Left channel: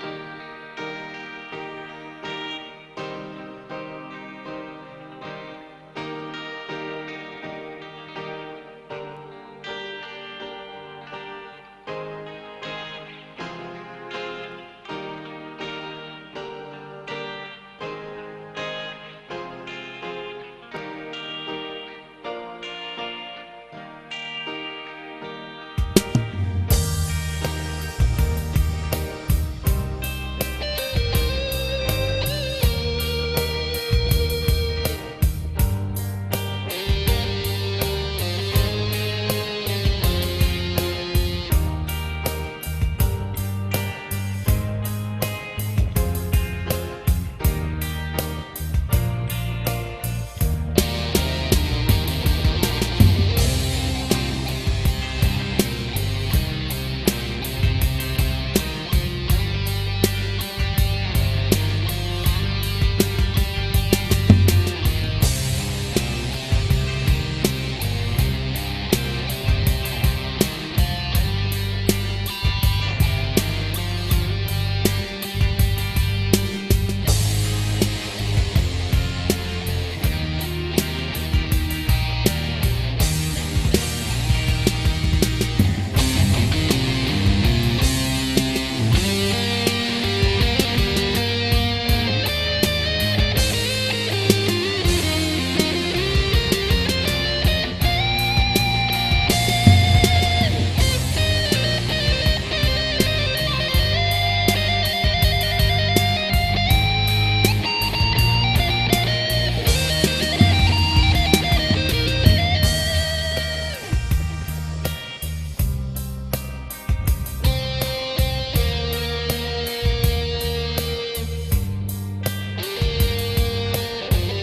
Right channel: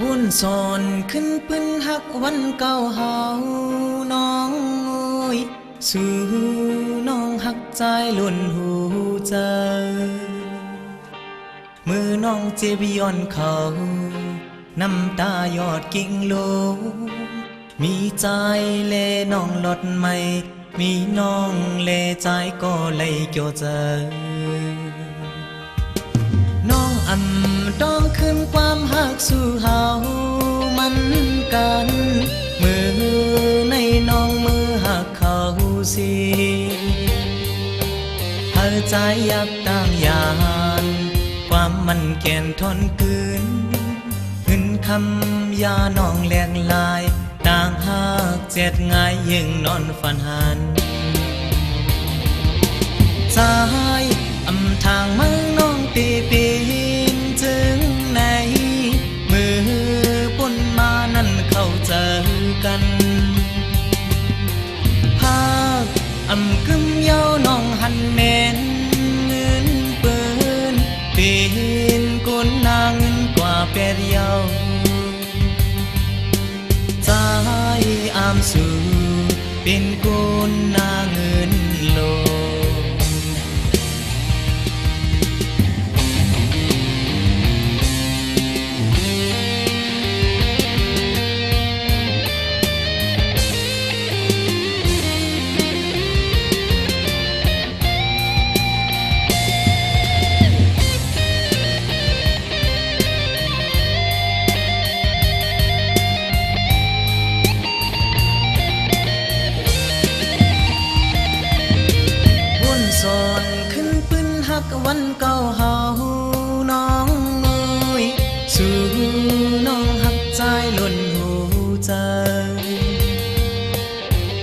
วุ่นซอนขึ้นปืนหักวันเก่าเฮาน้องโอยสู่น้องหักใจล่นหูเจมือน้องเจ็บย้อนเขา น้ำตายอดกิ่งโล มีใจเลน้องลดไม่ มีน้องเลใจก็เลยเกี่ยวเจอน้องอำต้องขึ้นความหักสู่ายยับต่างยาน ความมันแก่นทนคืนหึนคำยาน้องแหลกลาย ต่างหากเจ็ดงายยิ่งนอนฝันหัน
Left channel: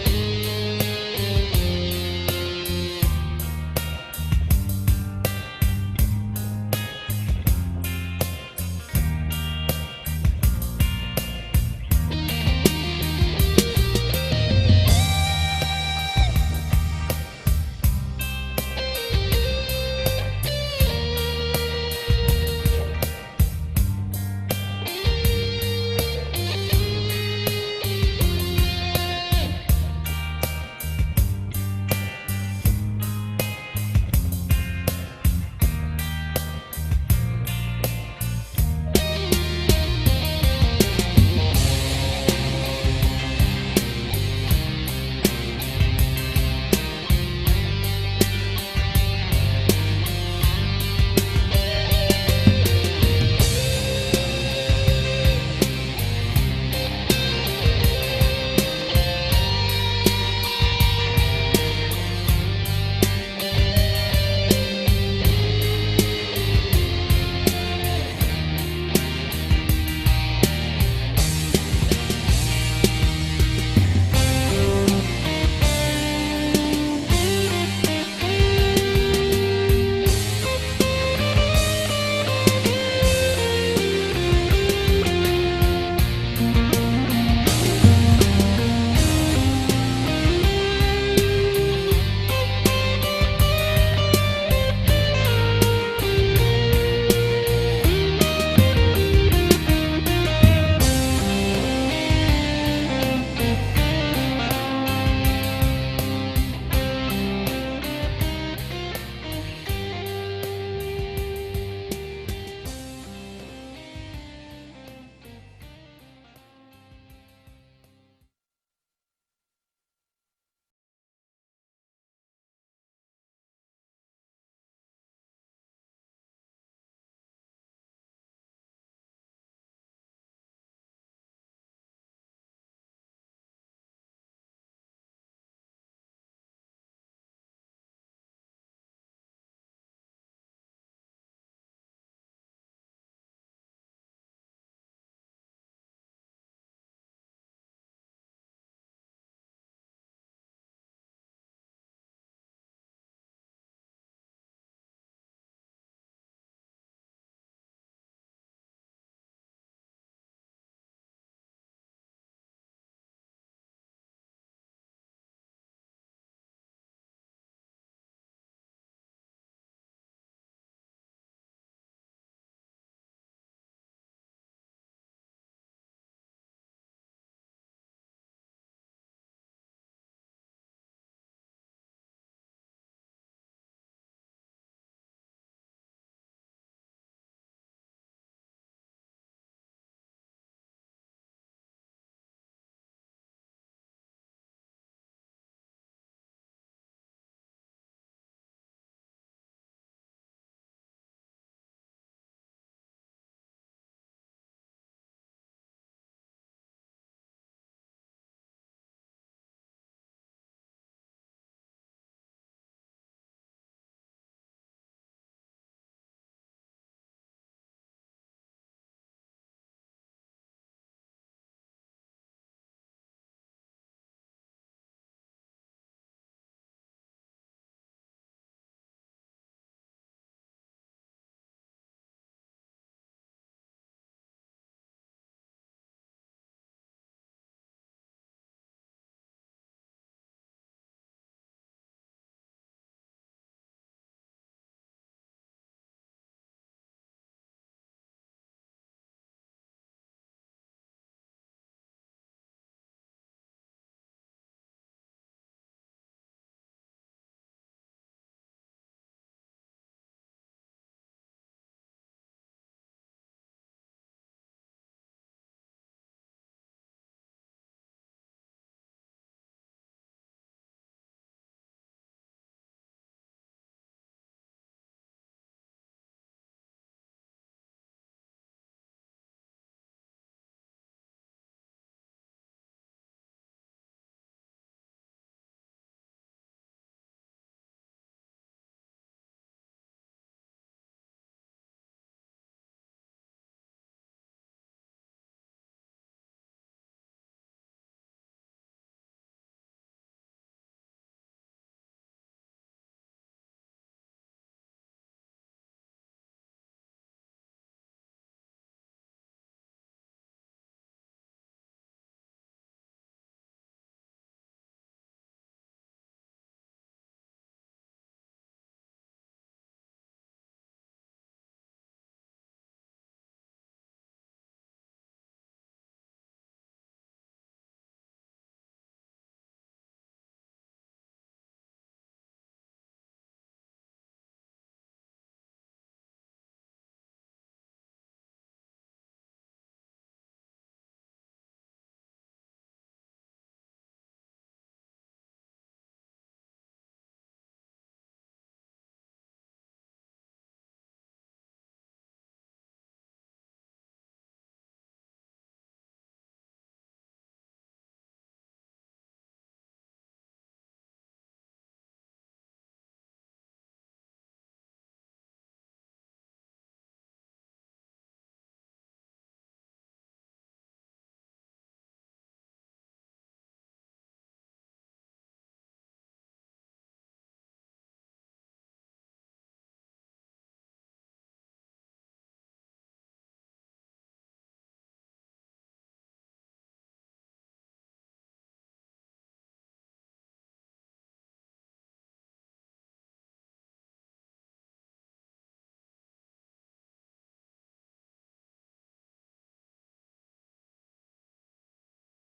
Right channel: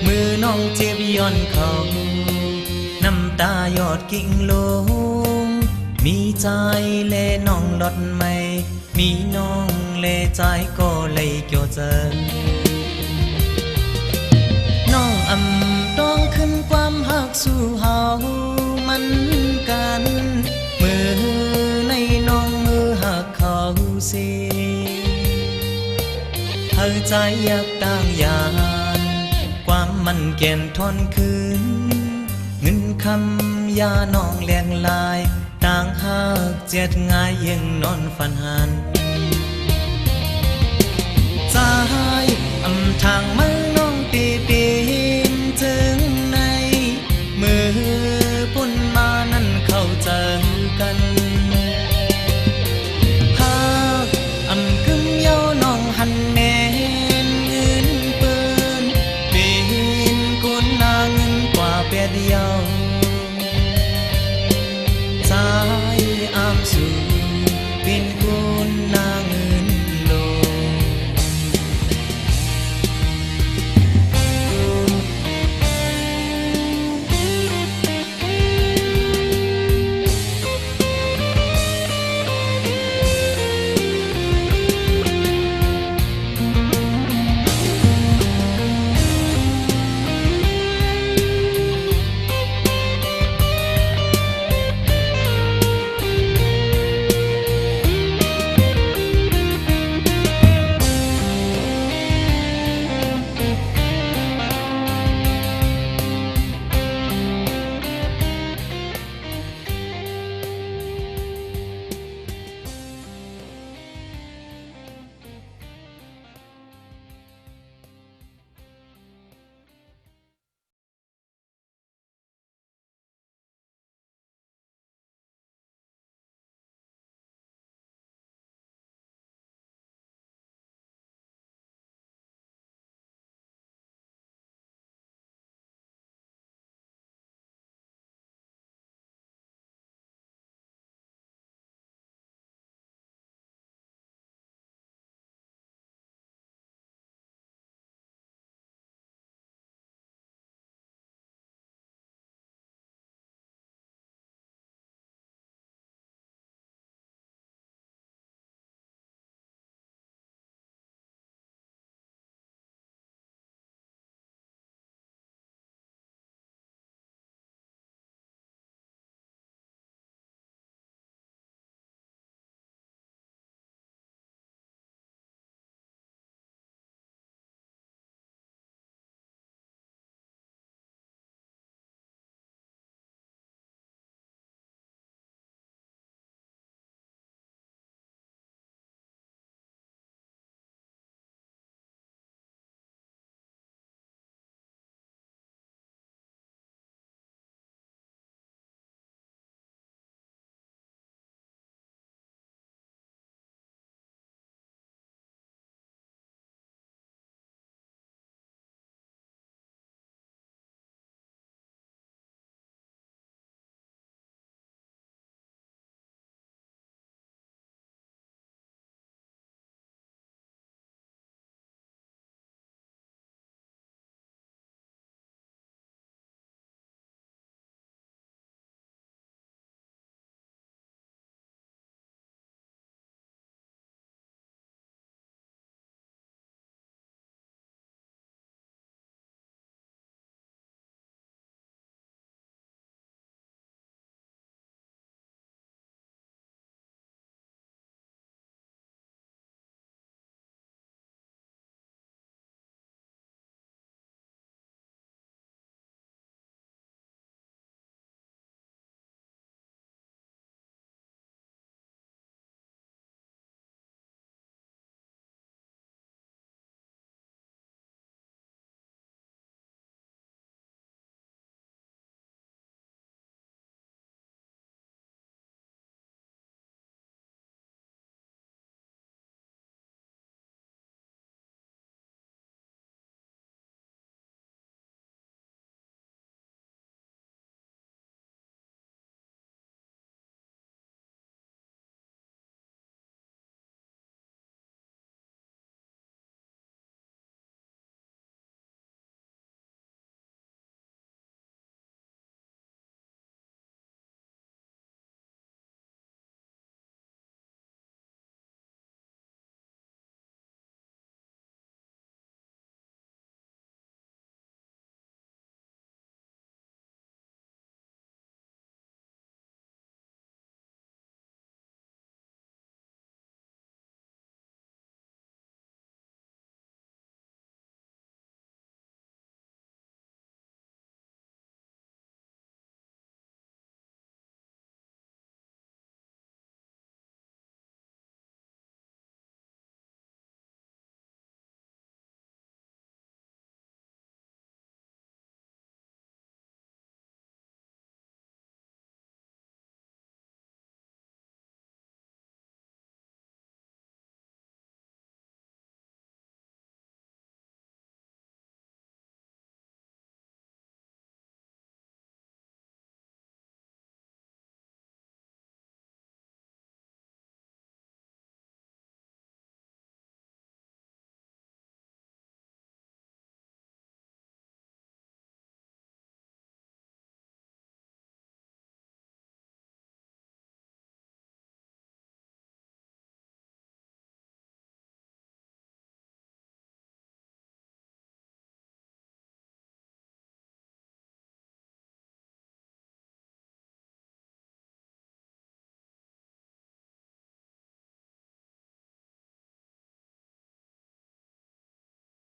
มือน้องเจ็บย้อนเขาน้ำตายอดกิ่งลง มีใจเลน้องดดไม่ มีน้องเลใจก็เลยเกี่ยวเจอ เก่อนคืนเงินคำยาน้องเลียงลาย ต่างหากเจ็ดงายยังนอนฝันหัน